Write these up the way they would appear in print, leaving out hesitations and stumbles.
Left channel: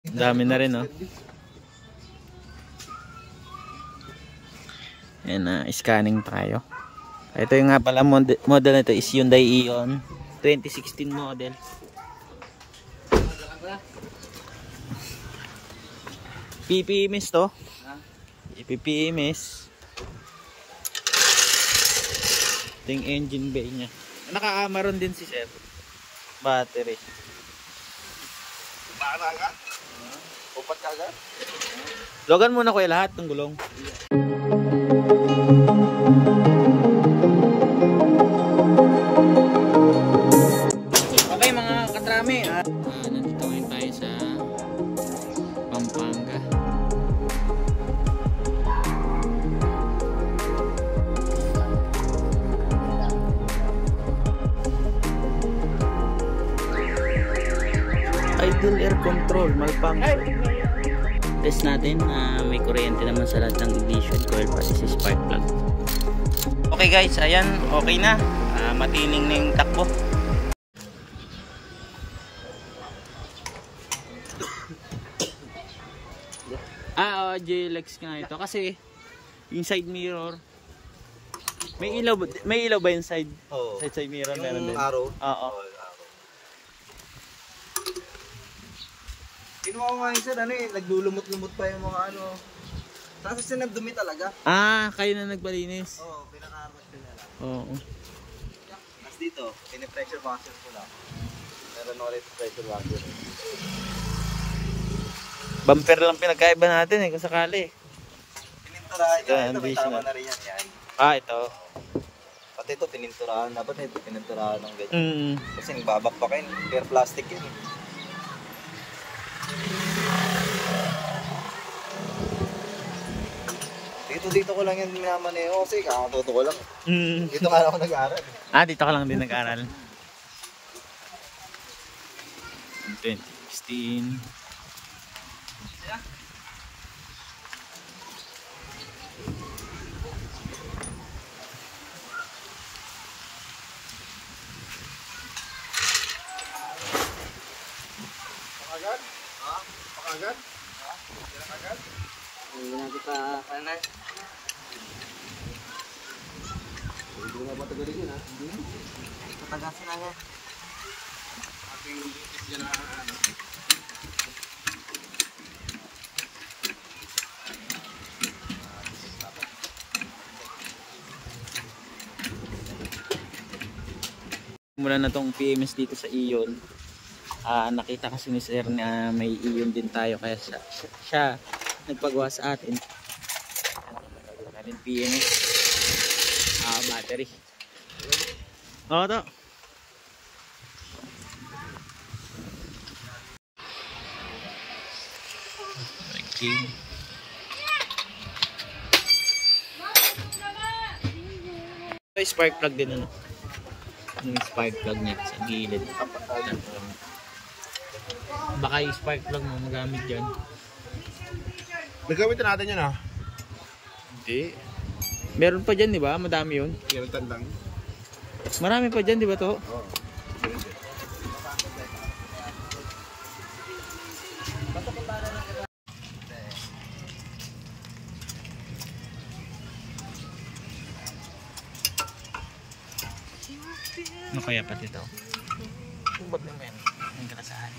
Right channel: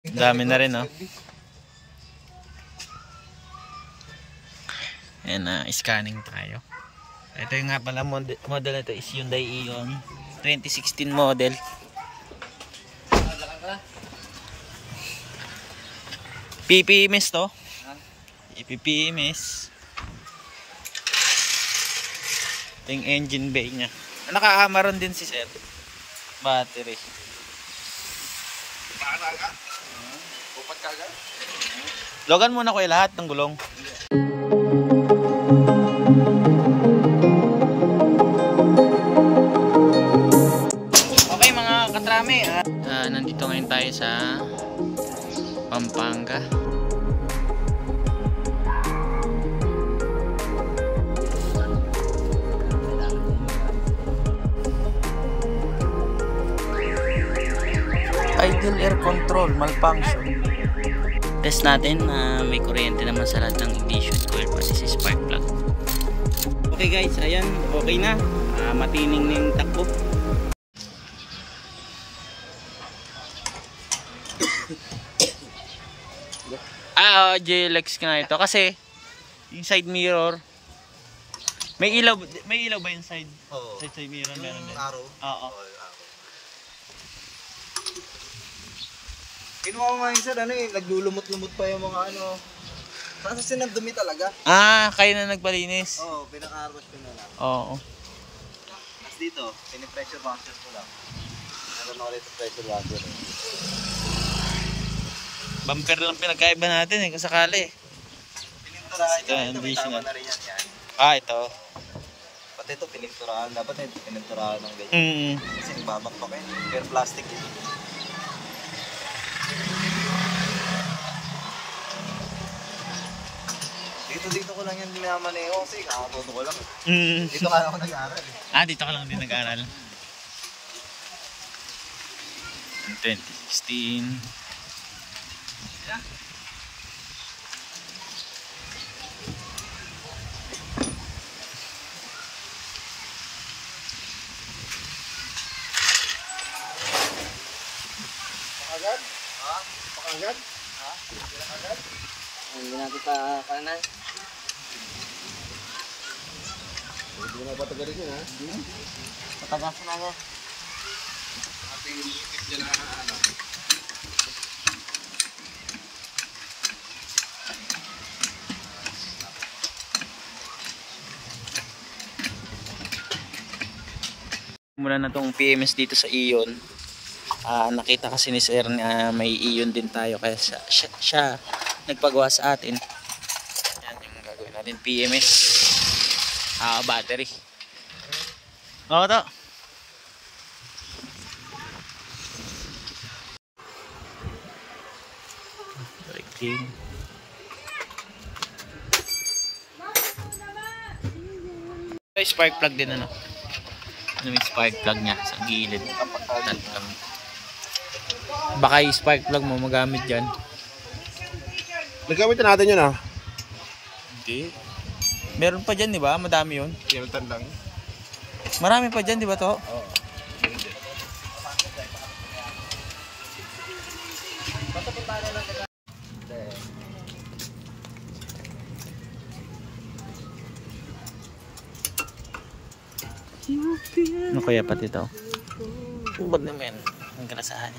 Dami na rin, no? Ayan, scanning tayo. Ito yung nga pala model nito is Hyundai Ion 2016 model. PPMS to. PPMS. Ito yung engine bay nya. Naka-Amaron din si sir. Battery. Logan muna ko lahat ng gulong. Okay mga katrami, nandito ngayon tayo sa Pampanga. Idle air control malfunction. Test natin na may kuryente naman sa lahat ng ignition coil pati si spark plug. Okay guys, ayan, okay na. Matining na yung takbo. JLX nga ito kasi yung side mirror may ilaw ba yung side? Oh. Side mirror yung meron din. Araw? Oo. Kinuha ko nga yung sir, naglulumot-lumot pa yung mga ano. Kasi sinandumi talaga. Kayo na nagpalinis? Oo, pinaka-armas ko na lang. Oo. Mas dito, pinipressure washer ko lang. Meron ako dito pressure washer. Bumper lang pinagkaiba natin kung sakali. Pininturahan ito, additional. Ito. Pati ito, pininturahan. Dapat na ito pininturahan ng ganyan. Kasi nagbabakbakin. Yung plastic yun. Dito ko lang yan minamaneho kasi kakatuto ko lang. Dito nga ako nag-aaral. Dito ka lang din nag-aaral. 2016. Agad? Ha? Agad? Hindi na kita kanay. Hindi na ba tagalin yun, ha? Hindi na. Natagasan na ako. Ating YouTube dyan na ano. Mula na tong PMS dito sa Ion. Nakita kasi ni sir na may Ion din tayo kaya siya nagpagawa sa atin. Yan yung gagawin natin, PMS battery. Oo to. Spark plug din ano. May spark plug nya sa gilid. Baka yung spark plug mo magamit dyan. Nagamit na natin yun, ah? Hindi. Meron pa dyan, di ba? Madami yun. Hilton lang. Marami pa dyan, di ba to? Oo. Ano kaya pati ito? Ba't naman? Ang kalasahan.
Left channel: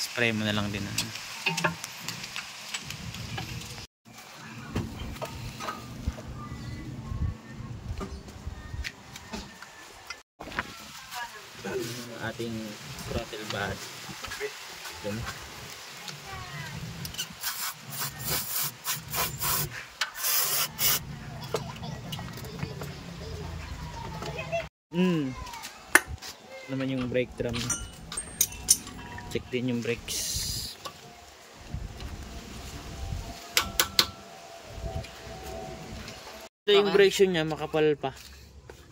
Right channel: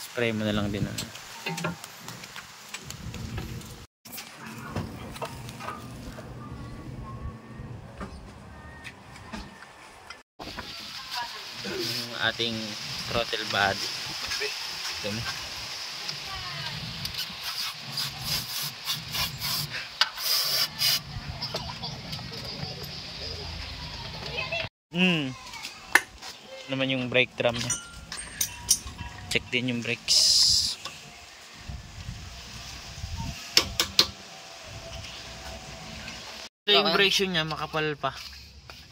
Spray mo na lang din. Ating throttle body. Naman yung brake drum niya. Check din yung brakes. Ito yung brake shoe niya, makapal pa.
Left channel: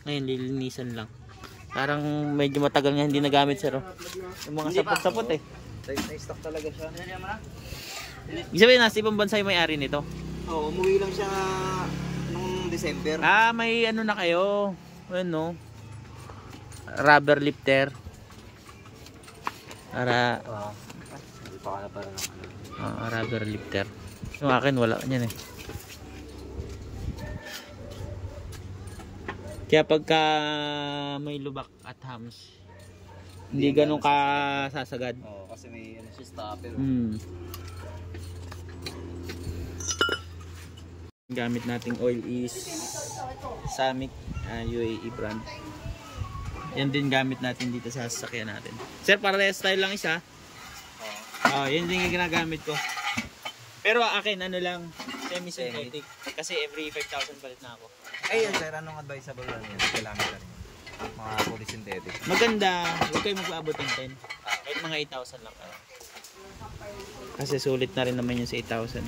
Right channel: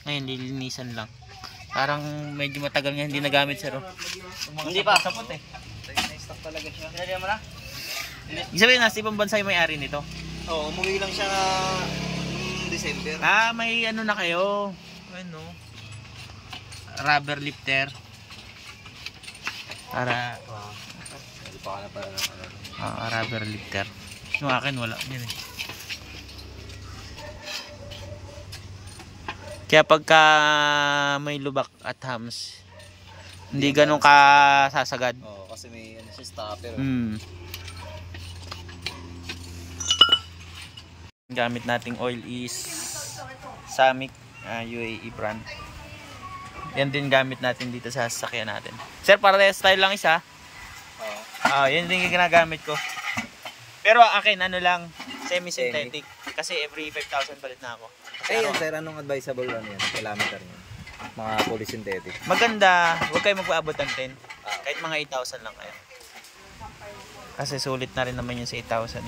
Ngayon lilinisan lang. Parang medyo matagal nga hindi nagamit sir. Yung mga sapot-sapot eh. Stock talaga siya. Nalyan mo na? Ibig sabihin nasa ibang bansa yung may-ari nito? Oo, umuwi lang siya nung December. May ano na kayo. Ano? Rubber lifter. Para Hindi pa ka na parang ano. rubber lifter. Yung akin wala yan eh. Kaya pagka may lubak at hams, hindi ganun ka sasagad. Oo, kasi may ano siya stopper. Gamit nating oil is Samick UAE brand. Yan din gamit natin dito sa sasakyan natin. Sir, parehas style lang isa. Yan din yung ginagamit ko. Pero akin ano lang, semi-synthetic. Kasi every 5,000 palit na ako. Ayun sir, anong advisable lang yan? Kilometer niya. Mga fully synthetic. Maganda, huwag kayo magpaabot ng 10. Kahit mga 8,000 lang kayo. Kasi sulit na rin naman yun sa 8,000.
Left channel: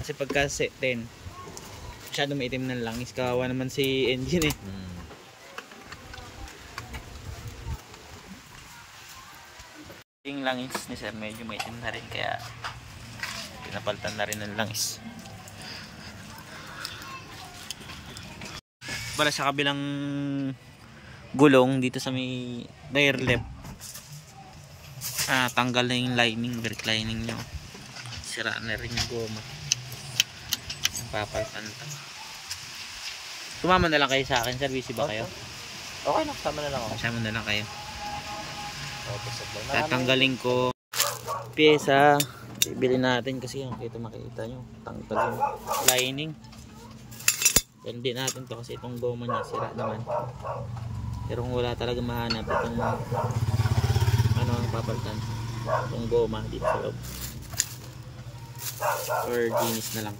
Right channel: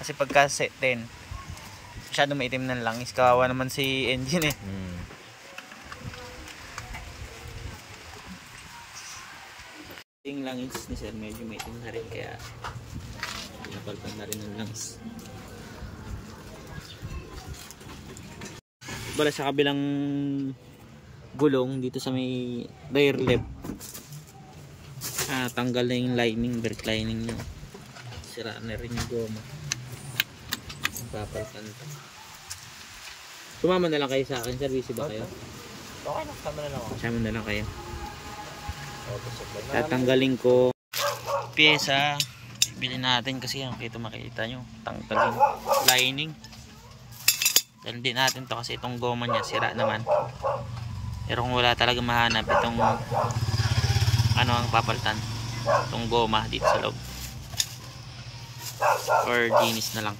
Kasi pagka 10, masyado maitim ng langis. Kawawa naman si engine eh. Yung langis ni sir medyo maitim na rin. Kaya pinapalitan na rin ng langis. Bala sa kabilang gulong dito sa may rear left, tanggal na yung lining, brake lining nyo, sira na rin yung goma, papalitan ta. Sumama na lang kayo sa akin sir, busy ba kayo? Okay na, sama na lang ako. Sama na lang kayo. Tatanggalin ko pyesa, bibili natin kasi yan, kito makita nyo, tanggalin lining. Dahil din natin to kasi itong goma niya sira naman. Pero kung wala talaga mahanap itong ano ang papalitan, itong goma dito sa loob, or ginis na lang.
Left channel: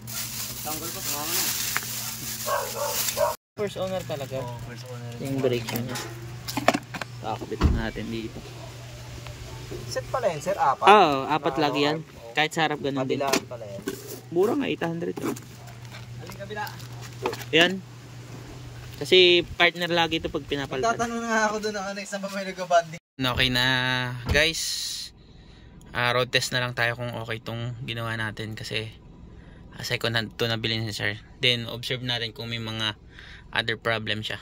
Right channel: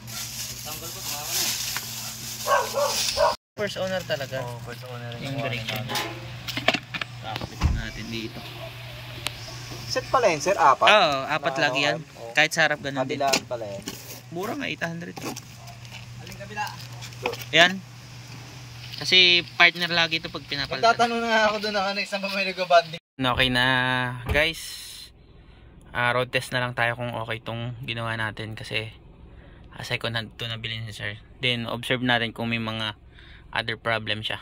First owner talaga. First owner. Yung brake niya kakabit natin dito. Set pala yun sir, 4? Oo, 4 lagi yan. Kahit sa harap ganun din. Kabilaan pala yun. Mura nga, 800 to. Yan. Kasi partner lagi ito pag pinapalitan. Tatanong na ako doon ng ano, isang may nag-banding. Okay na guys. Road test na lang tayo kung okay itong ginawa natin. Kasi second hand to nabili ni sir. Then observe natin kung may mga other problem siya.